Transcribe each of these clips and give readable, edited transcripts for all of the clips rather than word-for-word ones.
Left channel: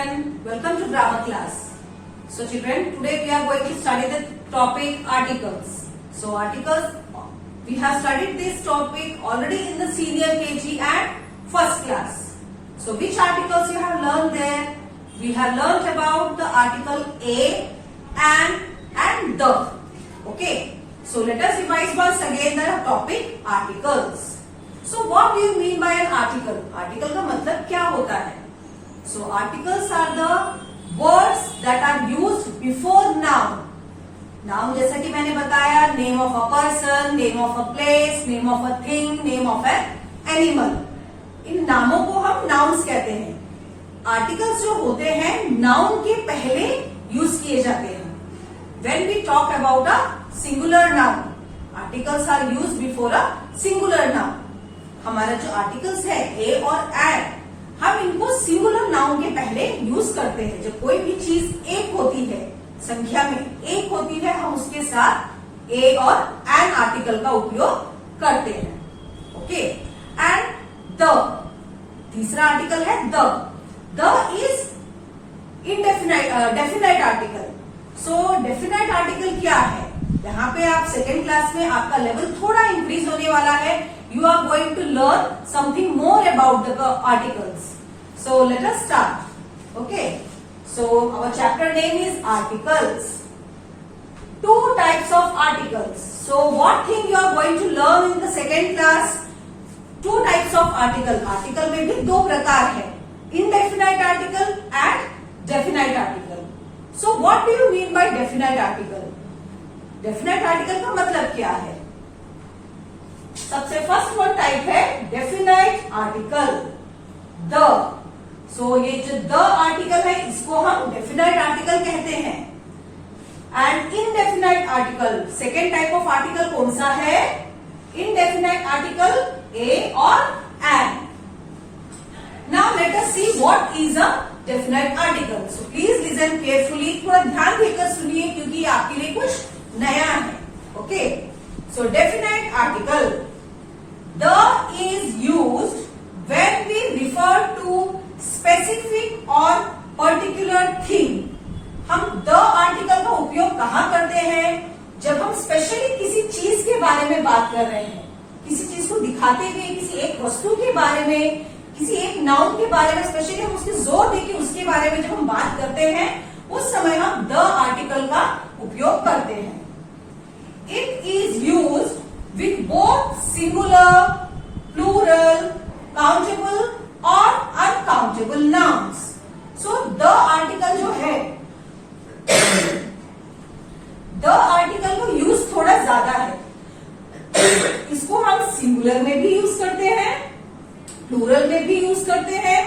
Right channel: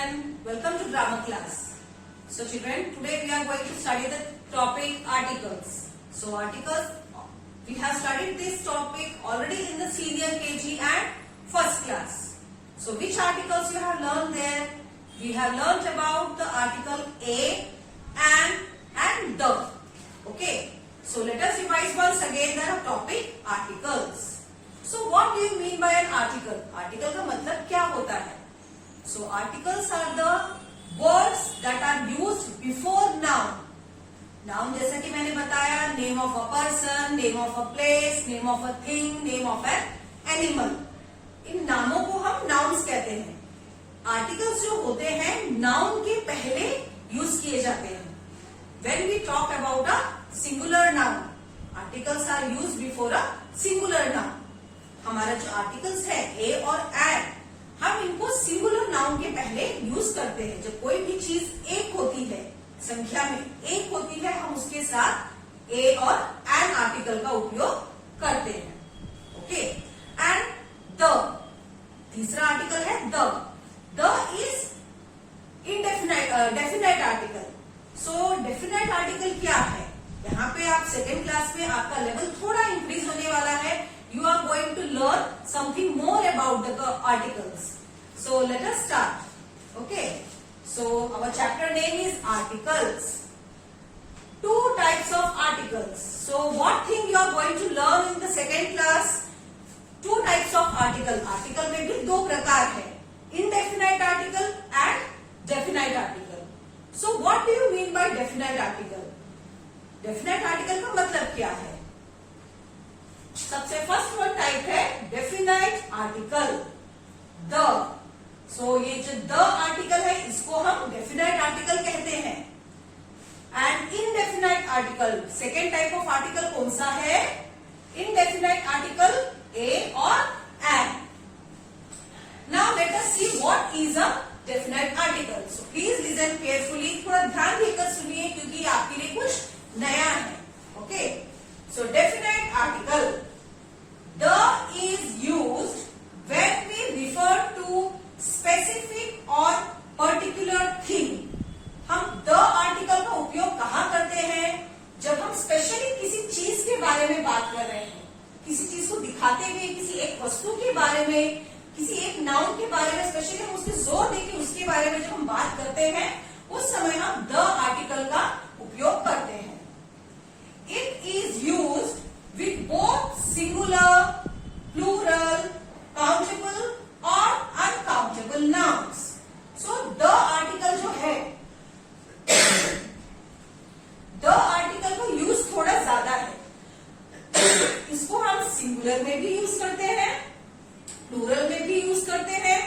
children, welcome to grammar class. So children, today we are going to study the topic articles. So articles, we have studied this topic already in the senior KG and first class. So which articles you have learned there? We have learned about the article a, and the. Okay. So let us revise once again the topic articles. So what do you mean by an article? Article का मतलब क्या होता है? So articles are the words that are used before noun. Noun जैसा कि मैंने बताया, name of a person, name of a place, name of a thing, name of an animal. इन नामों को हम nouns कहते हैं. Articles जो होते हैं noun के पहले यूज किए जाते हैं. When we talk about a singular noun, articles are used before a singular noun. हमारा जो आर्टिकल्स है ए और एंड, हम इनको सिंगुलर नाउन के पहले यूज करते हैं. जब कोई भी चीज एक होती है, संख्या में एक होती है, हम उसके साथ ए और एन आर्टिकल का उपयोग करते हैं. ओके. एंड द, तीसरा आर्टिकल है the. The is definite article. So definite article क्या है? यहाँ पे आप सेकेंड क्लास में आपका लेवल थोड़ा इंक्रीज होने वाला है. You are going to learn something more about the articles. So let us start. Okay. So our chapter name is articles. Two types of articles. So what thing you are going to learn in the second class? Two types of article. Article में भी दो प्रकार है. Indefinite article and definite article. So what do you mean by definite article? Definite article का मतलब क्या है? सबसे फर्स्ट वन टाइप है डेफिनाइट आर्टिकल, द. सो ये जो द आर्टिकल है इसको हम डेफिनाइट आर्टिकल कहते हैं. And indefinite article, second type of article कौन सा है? इनडेफिनाइट आर्टिकल ए और an. Now let us see what is a definite article. So please listen carefully, थोड़ा ध्यान देकर सुनिए क्योंकि आपके लिए कुछ नया है. Okay. So definite article, the is used when we refer to specific or particular thing. हम the article का उपयोग कहाँ करते हैं? जब हम स्पेशली किसी चीज के बारे में बात कर रहे हैं, किसी चीज को दिखाते हुए, किसी एक वस्तु के बारे में, किसी एक नाउन के बारे में स्पेशली हम उसके जोर देके उसके बारे में जब हम बात करते हैं, उस समय हम the article का उपयोग करते हैं. It is used with both singular, plural, countable or uncountable nouns. So the article जो है, the article को यूज थोड़ा ज्यादा है. इसको हम सिंगुलर में भी यूज करते हैं, प्लूरल में भी यूज करते हैं,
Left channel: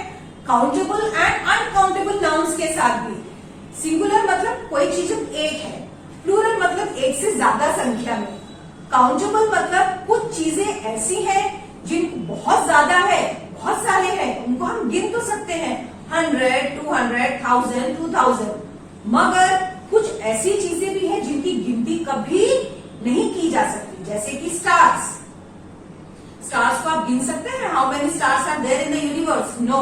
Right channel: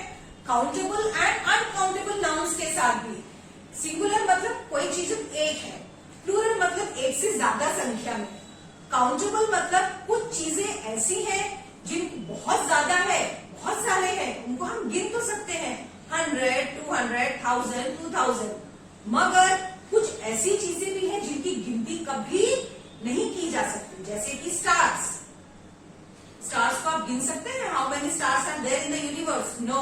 काउंटेबल एंड अनकाउंटेबल नाउन्स के साथ भी. सिंगुलर मतलब कोई चीज एक है, प्लूरल मतलब एक से ज्यादा संख्या में, काउंटेबल मतलब कुछ चीजें ऐसी हैं जिन बहुत ज्यादा है, बहुत सारे हैं, उनको हम गिन तो सकते हैं 100, 200, 1000, 2000, मगर कुछ ऐसी चीजें भी हैं जिनकी गिनती कभी नहीं की जा सकती. जैसे कि स्टार्स. स्टार्स को आप गिन सकते हैं? How many stars are there in the universe? No,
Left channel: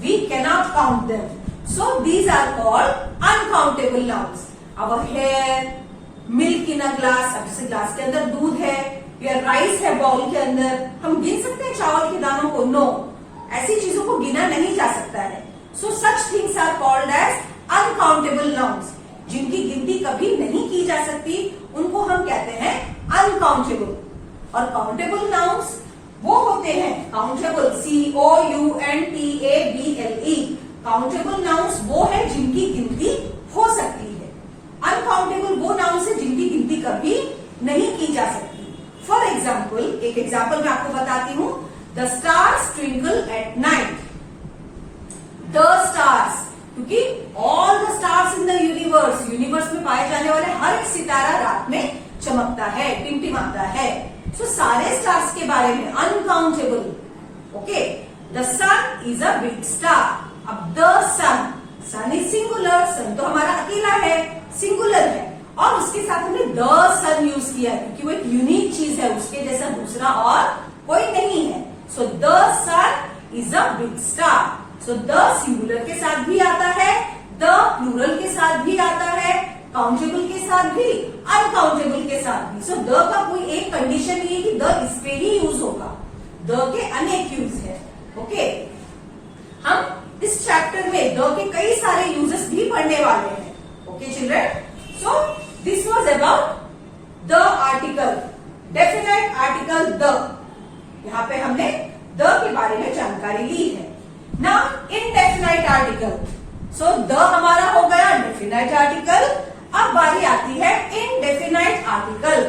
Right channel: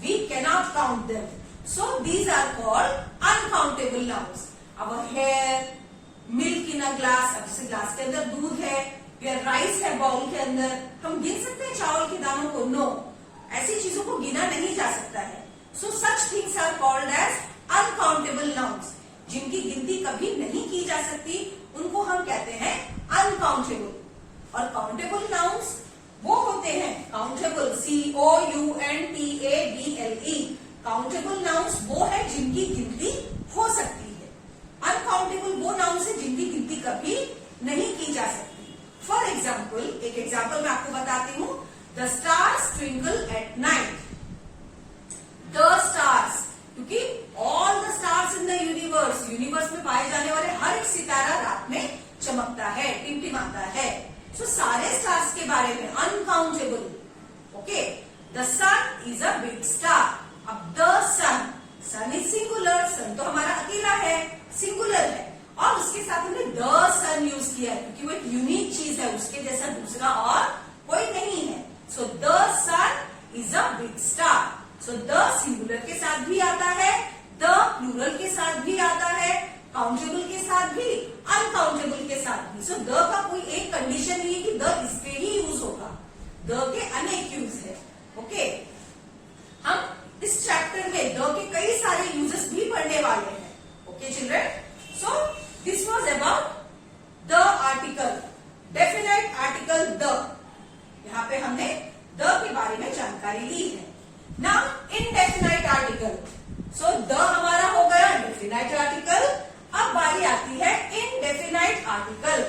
we cannot count them. So these are called uncountable nouns. Our hair, milk in a glass, अब जैसे ग्लास के अंदर दूध है या राइस है बाउल के अंदर, हम गिन सकते हैं चावल के दानों को? नो, ऐसी चीजों को गिना नहीं जा सकता है. So such things are called as uncountable nouns. जिनकी गिनती कभी नहीं की जा सकती उनको हम कहते हैं अनकाउंटेबल. और काउंटेबल नाउन्स वो होते हैं काउंटेबल, COUNTABLE. काउंटेबल नाउन्स वो है जिनकी गिनती हो सकती है. अनकाउंटेबल वो नाउन्स है जिनकी गिनती कभी नहीं की जा सकती. फॉर एग्जाम्पल, एक एग्जाम्पल मैं आपको बताती हूँ. The stars twinkle at night. The stars, क्योंकि all the stars in the universe, universe में पाए जाने वाले हर एक सितारा रात में चमकता है, टिमटिमाता है. सो सारे स्टार्स के बारे में uncountable. Okay. The sun is a big star. अब the sun, sun is singular, sun तो हमारा अकेला है, सिंगुलर है, और उसके साथ हमने द सन यूज किया है क्योंकि वो एक यूनिक चीज है, उसके जैसा दूसरा और कोई नहीं है. So the sun is a big star. So the singular के साथ भी आता है, द प्लूरल के साथ भी आता है, काउंटेबल के साथ भी, अनकाउंटेबल के साथ भी। सो द का कोई एक कंडीशन नहीं है कि द इस पे ही यूज होगा, द के अनेक यूज है। ओके, हम इस चैप्टर में द के कई सारे यूजेस भी पढ़ने वाले हैं। Okay children, so this was about the article, definite article the. यहाँ पे हमने द के बारे में जानकारी ली है। Now indefinite article, so the हमारा हो गया डेफिनाइट आर्टिकल। अब बारी आती है इनडेफिनाइट आर्टिकल।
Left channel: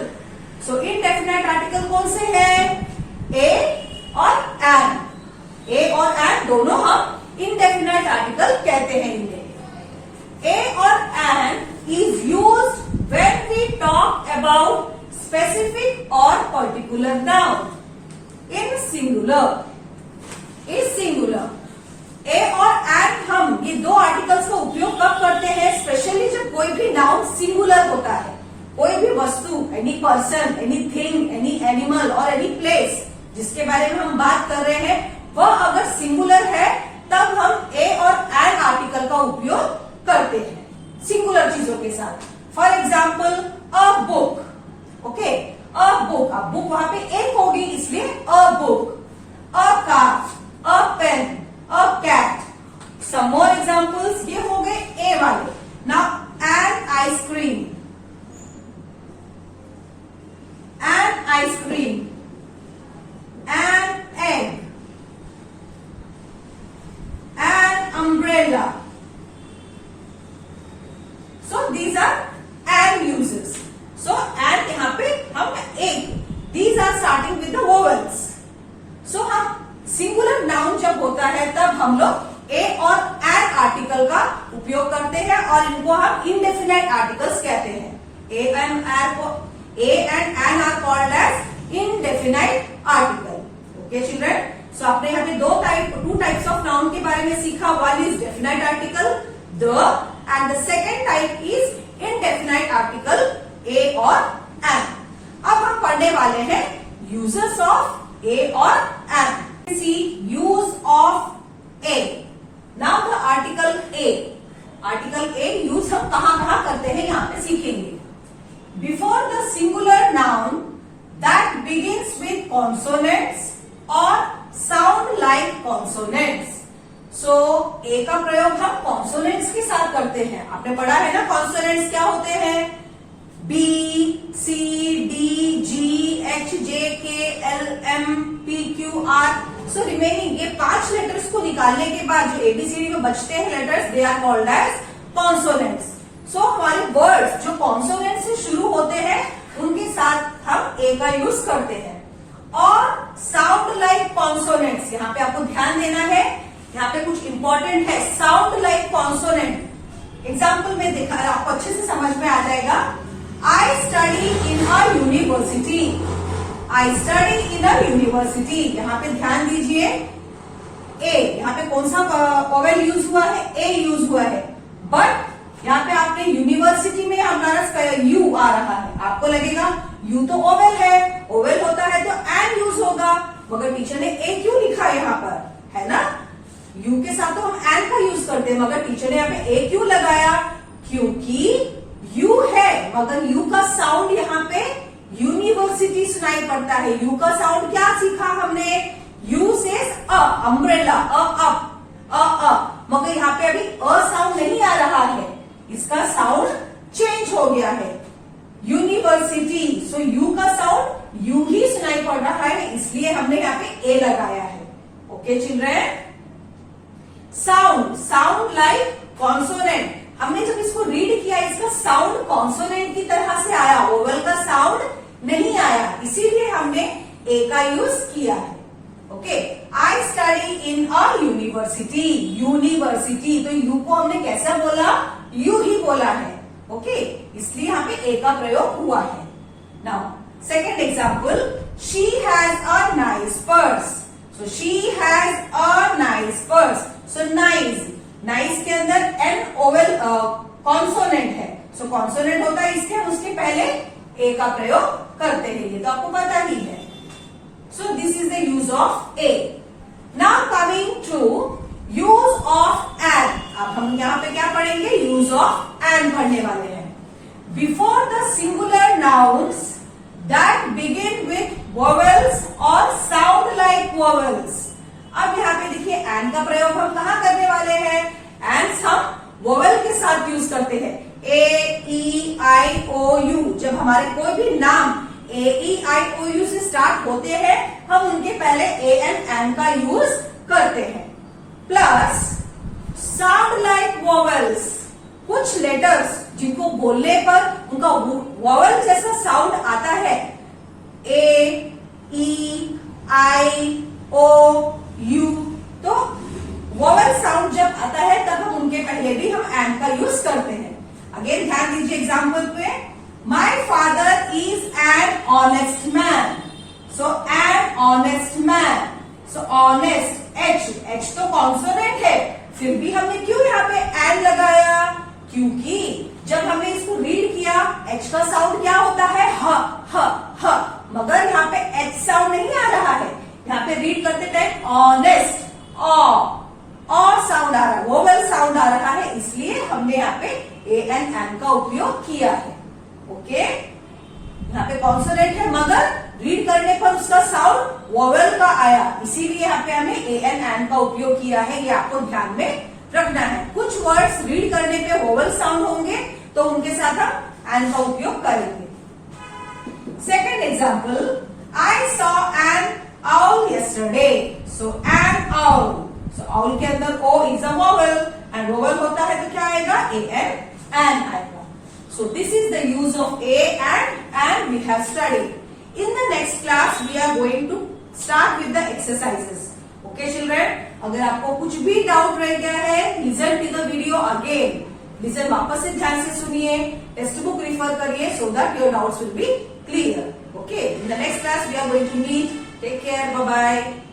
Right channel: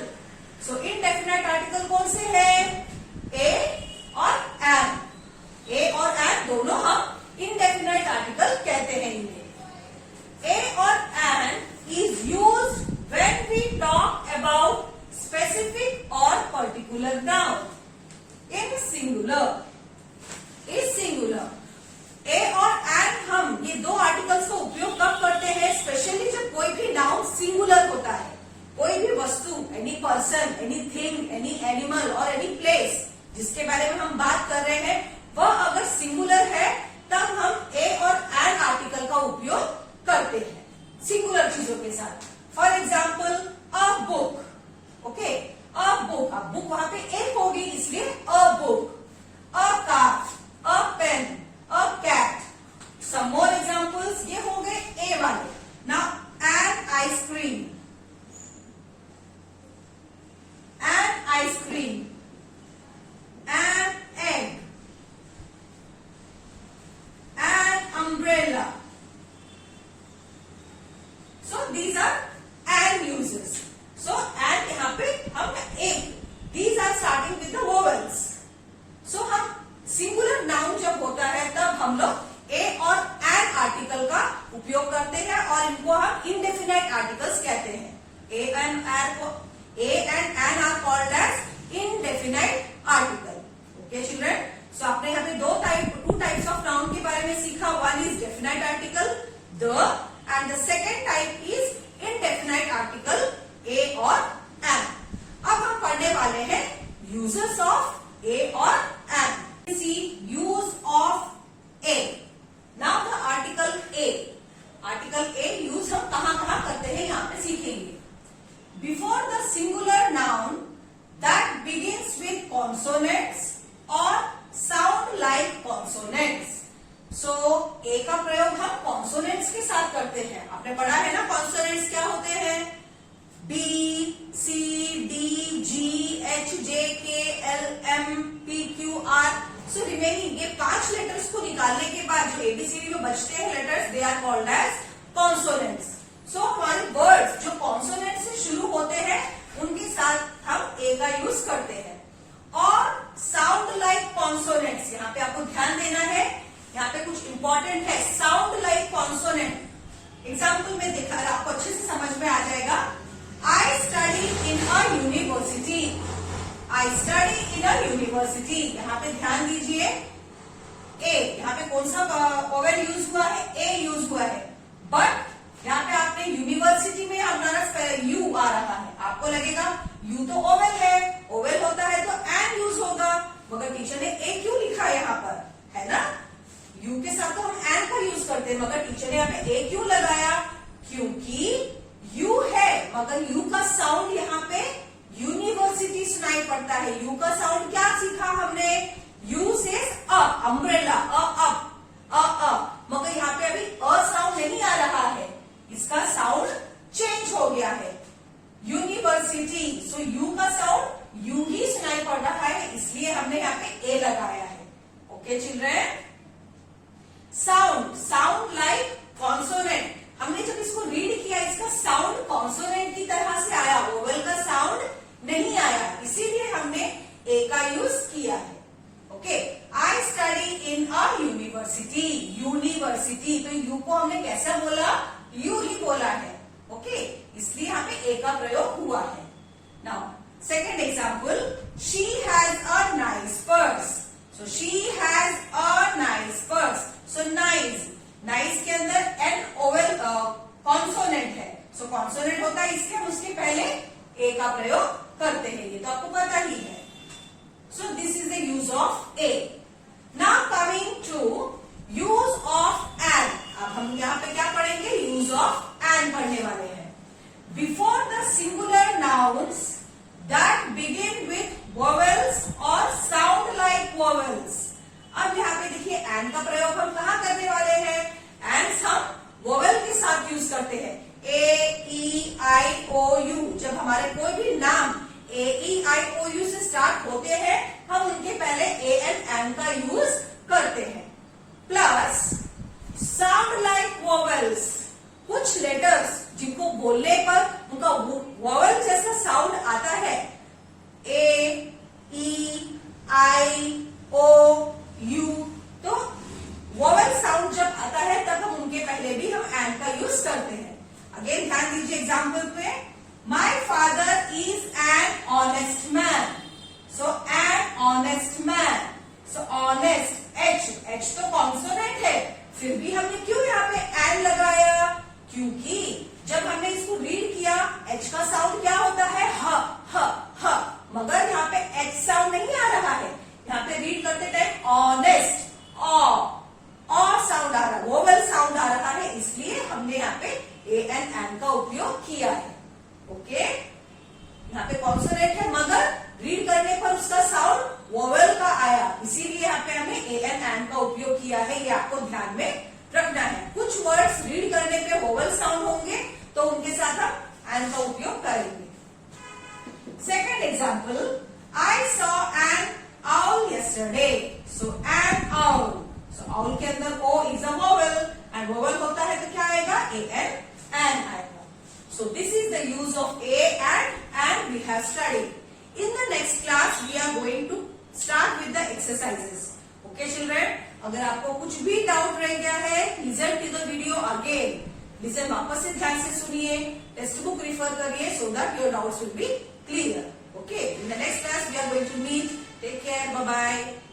सो इनडेफिनाइट आर्टिकल कौन से हैं? ए और एन। ए और एन दोनों हम इनडेफिनाइट आर्टिकल कहते हैं इन्हें। ए और an is used when we talk about specific और particular noun in singular. Is singular a और एन, हम ये दो आर्टिकल्स का उपयोग कब करते हैं? स्पेशली जब कोई भी नाउन सिंगुलर होता है, कोई भी वस्तु, any person, any thing, any animal और एनी प्लेस जिसके बारे में हम बात कर रहे हैं, वह अगर सिंगुलर है तब हम ए और एन आर्टिकल का उपयोग करते हैं सिंगुलर चीजों के साथ। For example a book. Okay, a book, अब बुक वहां पे एक होगी इसलिए a book. A car, a pen, a cat. Some more examples, ये हो गए ए वाले। Now an ice cream, an ice cream, an egg, an umbrella. So these are an uses. So an यहाँ पे हम एक, these are starting with the vowels. So हम singular noun जब होता है तब हम लोग ए और एन आर्टिकल का उपयोग करते हैं और इनको हम इनडेफिनाइट आर्टिकल्स कहते हैं। A and an are called as indefinite article. Okay children, so आपने यहाँ पे टू टाइप्स ऑफ नाउन के बारे में सीखा। One is definite article the and the second type is indefinite article a और एन। अब हम पढ़ने वाले हैं यूजेस ऑफ ए और N. See use of a. Now the article a. Article a use हम कहाँ करते हैं यहाँ पे सीखेंगे। Before the singular noun that begins with consonants or sound like consonants. So a का प्रयोग हम consonants के साथ करते हैं। आपने पढ़ा है ना consonants क्या होते हैं? B, C, D, G, H, J, K, L, M, P, Q, R. So remaining ये 5 लेटर्स को निकालने के बाद जो एबीसीडी में बचते हैं letters, they are called as consonants. So हमारे वर्ड्स जो कॉन्सोनेंट से शुरू होते हैं उनके साथ हम ए का यूज करते हैं। और साउंड लाइक कॉन्सोनेंट्स, यहाँ पे आपको ध्यान देना है, यहाँ पे कुछ इंपॉर्टेंट है। साउंड लाइक कॉन्सोनेंट एग्जाम्पल में देखा, आपको अच्छे से समझ में आ जाएगा। I study in a university. I study in a university, यहाँ पे ध्यान दीजिए ए, यहाँ पे कौन सा वोवेल यूज हुआ है? ए यूज हुआ है। बट यहाँ पे आपने यूनिवर्सिटी में हमारा यू आ रहा है, आपको लगेगा यू तो ओवेल है, ओवेल होता है तो एन यूज होगा, मगर टीचर ने ए क्यों लिखा है यहाँ पर, है ना? यू के साथ तो हम एन का यूज करते हैं, मगर टीचर ने यहाँ पे ए क्यों लगाया? क्योंकि यू है, मगर यू का साउंड यहाँ पे यूनिवर्सिटी सुनाई पड़ता है। यू का साउंड क्या सीखा हमने? यू से अम्ब्रेला, मगर यहाँ पे अभी अ साउंड नहीं आ रहा है, इसका साउंड चेंज हो गया है। यूनिवर्सिटी, सो यू का साउंड यू ही सुनाई पड़ रहा है, इसलिए हमने यहाँ पे ए लगाया है। Okay children, sound like consonant, हमने जब इसको रीड किया इसका साउंड कॉन्सोनेंट की तरह से आया, वोवेल का साउंड नहीं आया, इसीलिए हमने ए का यूज किया है। Okay, I study in a university. University, तो यू को हमने कैसा बोला? यू ही बोला है। ओके, इसलिए यहाँ पे ए का प्रयोग हुआ है। Now second example, she has a nice purse. So she has a nice purse. So nice के अंदर एन ओवेल कॉन्सोनेंट है, सो कॉन्सोनेंट होता है इसके, हम उसके पहले ए का प्रयोग करते हैं, ये तो आपको पता ही है। So this is the use of a. Now coming to use an का प्रयोग हम कहाँ करने वाले हैं? एंड हम वोवेल के साथ यूज करते हैं। ए ई आई ओ यू, जब हमारे कोई भी नाम ए ई आई ओ यू से स्टार्ट होते हैं हम उनके पहले ए एंड का यूज करते हैं। प्लस साउंड लाइक वोवेल्स, कुछ लेटर्स जिनको बोलने पर उनका वोवेल जैसा साउंड आता है, ए ई आई ओ यू, तो वोवेल साउंड जब आता है तब हम उनके पहले भी हम एंड का यूज करते हैं। अगेन ध्यान दीजिए एग्जाम्पल पे, my father is an honest man, so an honest man, so honest H तो कॉन्सोनेंट है, फिर भी हमने क्यों यहाँ पे एन लगाया? क्योंकि जब हमने इसको रीड किया एच का साउंड क्या होता है? ह, मगर यहाँ पे एच साउंड नहीं आ रहा है। यहाँ पे रीड करते टाइम ऑनेस्ट ऑ साउंड आ रहा है, वोवेल साउंड आ रहा है, इसलिए हमने यहाँ पे ए एन का उपयोग किया है। ओके, यहाँ पे कॉन्सोनेंट है मगर रीड करने पर उसका साउंड वोवेल का आया, इसीलिए यहाँ पे हमने ए एन का उपयोग किया है। ये आपको ध्यान में रखना है। कुछ वर्ड्स रीड करने पे वोवेल साउंड होंगे तो उनके साथ हम एन का उपयोग करेंगे। Second example, I saw an owl yesterday, so an owl, so owl के अंदर o is a vowel and vowel होता है तो क्या आएगा? an आएगा। So this is the use of a and we have studied. In the next class we are going to start with the exercises. Okay children, अगर आपको कुछ भी डाउट रह गया है, listen to the video again. Listen, वापस से ध्यान से सुनिए, टेक्स्ट बुक रिफर करिए so that your doubts will be clear. Okay, in the next class we are going to meet. Take care. Bye bye.